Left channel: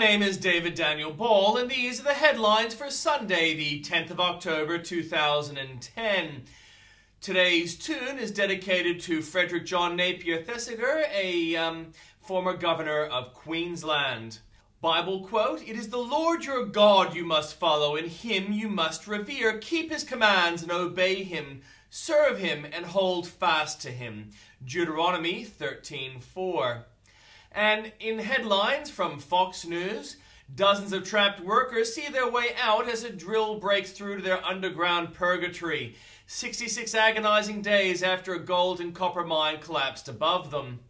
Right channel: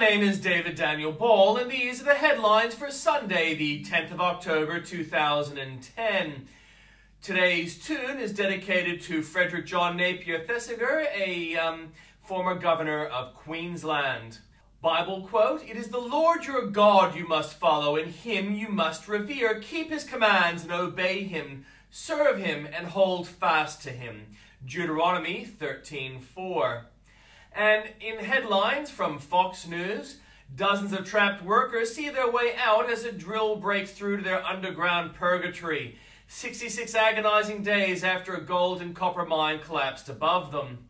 name is David Daniel Ball, and these are the headlines for Sunday, the 10th of October, 2010. Today's tune is dedicated to Frederick John Napier Thesiger, a former governor of Queensland. Bible quote, "It is the Lord your God you must follow, and him you must revere. Keep his commands and obey him. Serve him and hold fast to him." Deuteronomy 13:4. And in headlines from Fox News, dozens of trapped workers see their way out as a drill breaks through to their underground purgatory, 66 agonizing days after a gold and copper mine collapsed above them.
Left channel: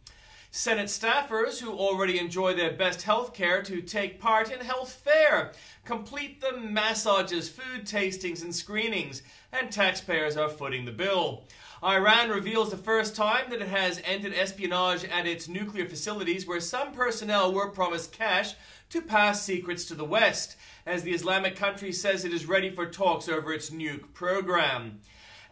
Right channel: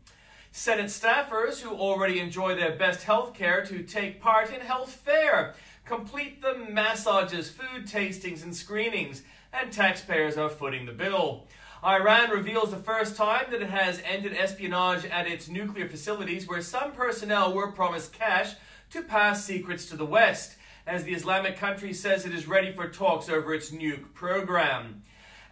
Senate staffers who already enjoy their best health care to take part in health fair, complete the massages, food tastings and screenings, and taxpayers are footing the bill. Iran reveals the first time that it has ended espionage at its nuclear facilities, where some personnel were promised cash to pass secrets to the West, as the Islamic country says it is ready for talks over its nuke program.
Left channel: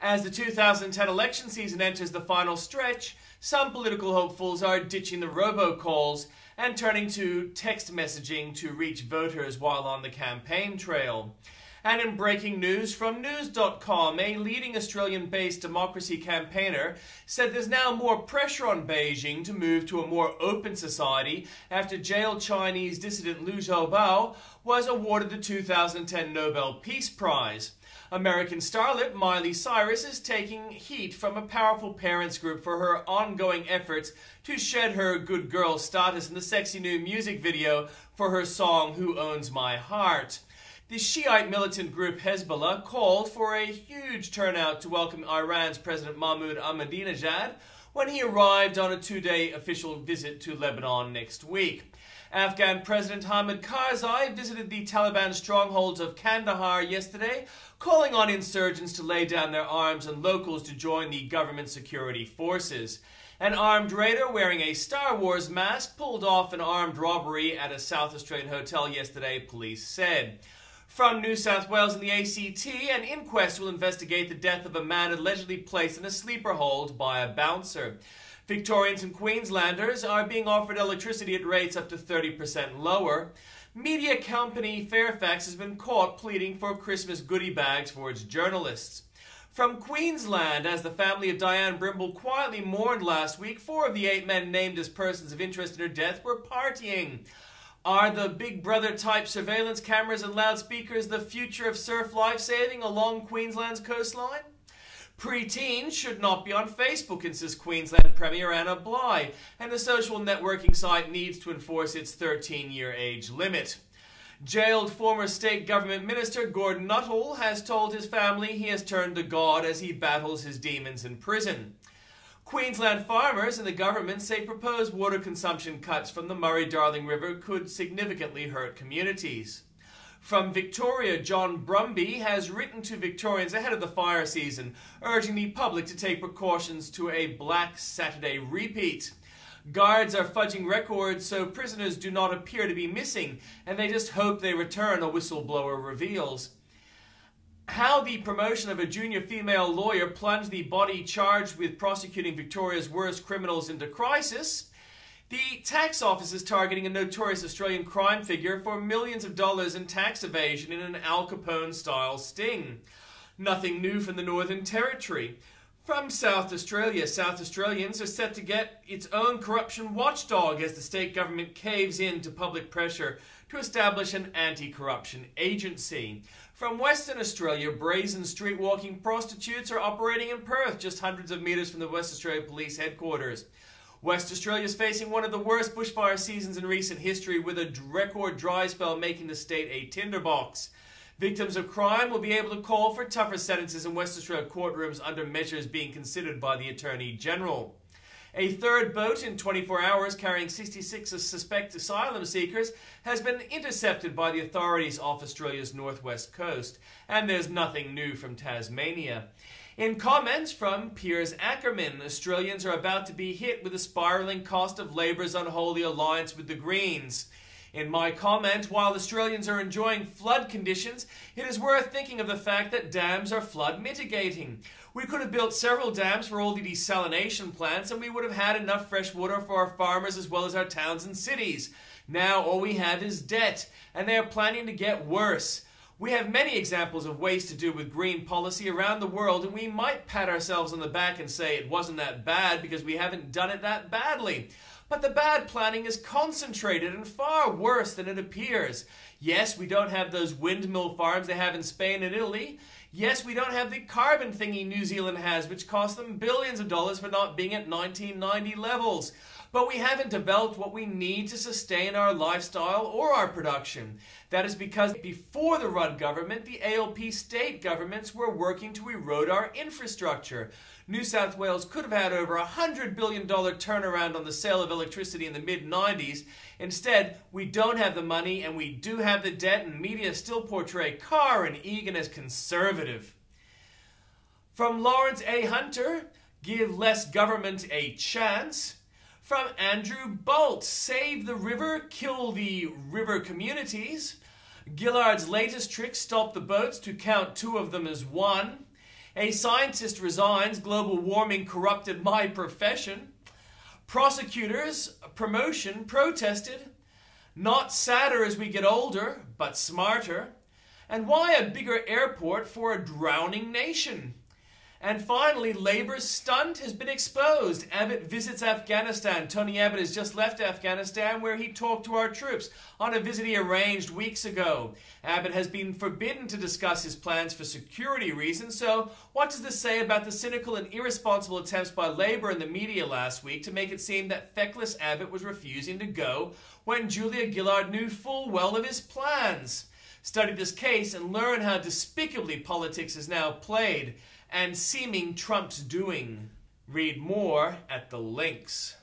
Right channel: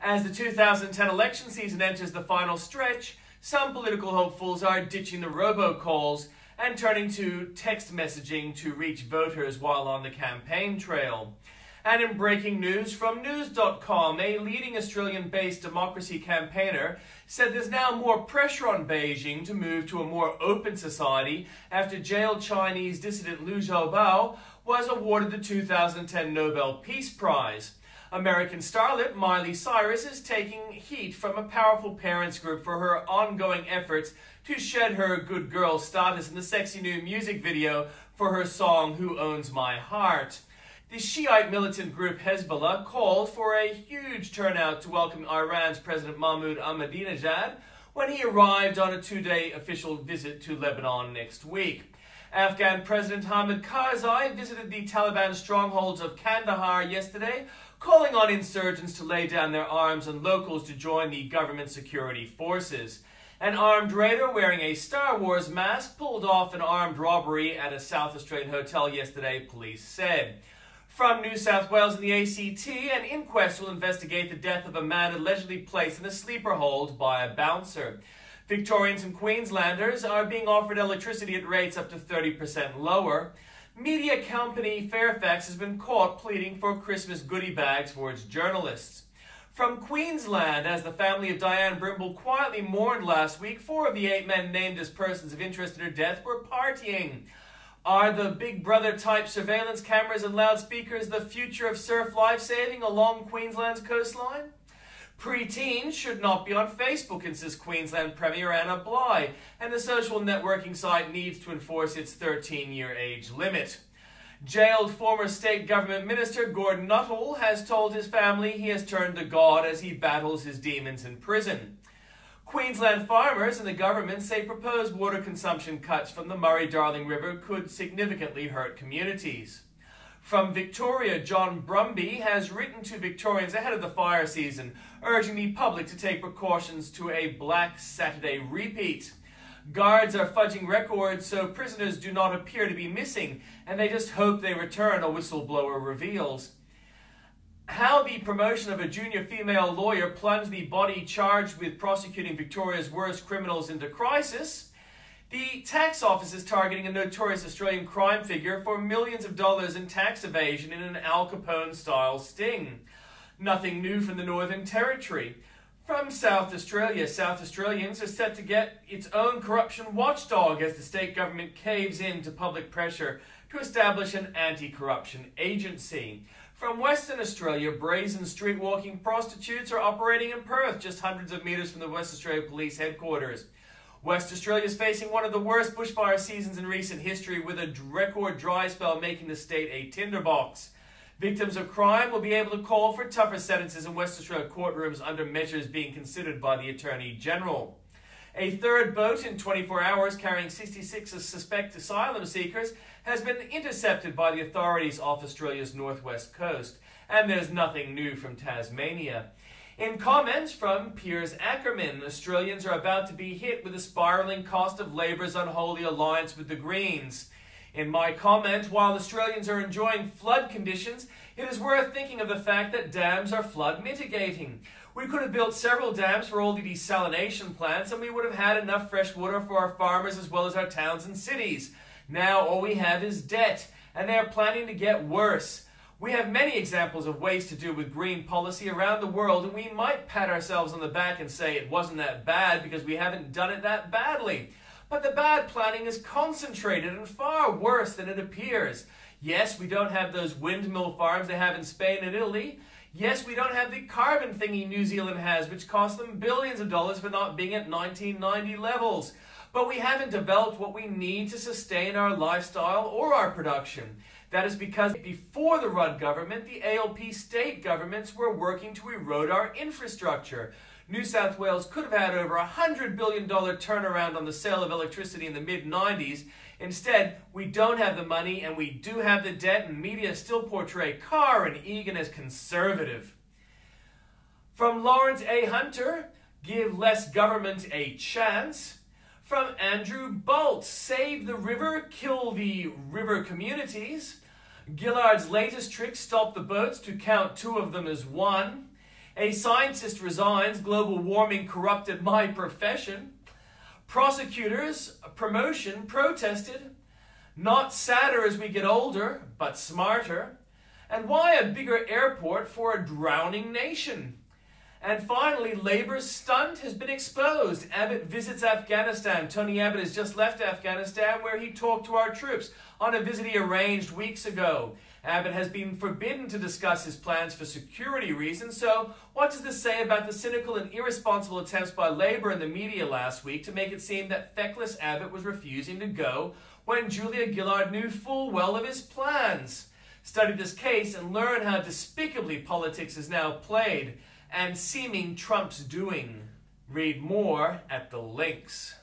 As the 2010 election season enters the final stretch, some political hopefuls are ditching the robocalls and turning to text messaging to reach voters while on the campaign trail. And in breaking news from News.com, a leading Australian-based democracy campaigner said there's now more pressure on Beijing to move to a more open society after jailed Chinese dissident Liu Xiaobao was awarded the 2010 Nobel Peace Prize. American starlet Miley Cyrus is taking heat from a powerful parents group for her ongoing efforts to shed her good girl status in the sexy new music video for her song Who Owns My Heart. The Shiite militant group Hezbollah called for a huge turnout to welcome Iran's President Mahmoud Ahmadinejad when he arrived on a two-day official visit to Lebanon next week. Afghan President Hamid Karzai visited the Taliban strongholds of Kandahar yesterday, calling on insurgents to lay down their arms and locals to join the government security forces. An armed raider wearing a Star Wars mask pulled off an armed robbery at a South Australian hotel yesterday, police said. From New South Wales and the ACT, an inquest will investigate the death of a man allegedly placed in a sleeper hold by a bouncer. Victorians and Queenslanders are being offered electricity at rates up to 30% lower. Media company Fairfax has been caught pleading for Christmas goodie bags for its journalists. From Queensland, as the family of Diane Brimble quietly mourned last week, 4 of the 8 men named as persons of interest in her death were partying. Are the Big Brother-type surveillance cameras and loudspeakers the future of surf lifesaving along Queensland's coastline? Preteens should not be on Facebook, insists Queensland Premier Anna Bligh, and the social networking site needs to enforce its 13-year age limit. Jailed former state government minister Gordon Nuttall has told his family he has turned to God as he battles his demons in prison. Queensland farmers and the government say proposed water consumption cuts from the Murray-Darling River could significantly hurt communities. From Victoria, John Brumby has written to Victorians ahead of the fire season, urging the public to take precautions to a Black Saturday repeat. Guards are fudging records so prisoners do not appear to be missing, and they just hope they return, a whistleblower reveals. How the promotion of a junior female lawyer plunged the body charged with prosecuting Victoria's worst criminals into crisis. The tax office is targeting a notorious Australian crime figure for millions of dollars in tax evasion in an Al Capone-style sting. Nothing new from the Northern Territory. From South Australia, South Australians are set to get its own corruption watchdog as the state government caves in to public pressure to establish an anti-corruption agency. From Western Australia, brazen street-walking prostitutes are operating in Perth, just hundreds of metres from the West Australia Police headquarters. West Australia is facing one of the worst bushfire seasons in recent history, with a record dry spell making the state a tinderbox. Victims of crime will be able to call for tougher sentences in West Australia courtrooms under measures being considered by the Attorney General. A third boat in 24 hours carrying 66 suspect asylum seekers has been intercepted by the authorities off Australia's northwest coast. And there's nothing new from Tasmania. In comments from Piers Ackerman, Australians are about to be hit with the spiralling cost of Labor's unholy alliance with the Greens. In my comment, while Australians are enjoying flood conditions, it is worth thinking of the fact that dams are flood mitigating. We could have built several dams for all the desalination plants, and we would have had enough fresh water for our farmers as well as our towns and cities. Now all we have is debt, and they are planning to get worse. We have many examples of ways to do with green policy around the world, and we might pat ourselves on the back and say it wasn't that bad because we haven't done it that badly. But the bad planning is concentrated and far worse than it appears. Yes, we don't have those windmill farms they have in Spain and Italy. Yes, we don't have the carbon thingy New Zealand has, which cost them billions of dollars for not being at 1990 levels. But we haven't developed what we need to sustain our lifestyle or our production. That is because before the Rudd government, the ALP state governments were working to erode our infrastructure. New South Wales could have had over $100 billion turnaround on the sale of electricity in the mid-90s. Instead, we don't have the money and we do have the debt, and media still portray Carr and Egan as conservative. From Lawrence A. Hunter, give less government a chance. From Andrew Bolt, save the river, kill the river communities. Gillard's latest trick, stop the boats to count two of them as one. A scientist resigns, global warming corrupted my profession. Prosecutors, promotion protested. Not sadder as we get older, but smarter. And why a bigger airport for a drowning nation? And finally, Labour's stunt has been exposed. Abbott visits Afghanistan. Tony Abbott has just left Afghanistan, where he talked to our troops on a visit he arranged weeks ago. Abbott has been forbidden to discuss his plans for security reasons, so what does this say about the cynical and irresponsible attempts by Labour and the media last week to make it seem that feckless Abbott was refusing to go when Julia Gillard knew full well of his plans? Study this case and learn how despicably politics is now played and seeming Trump's doing. Read more at the links.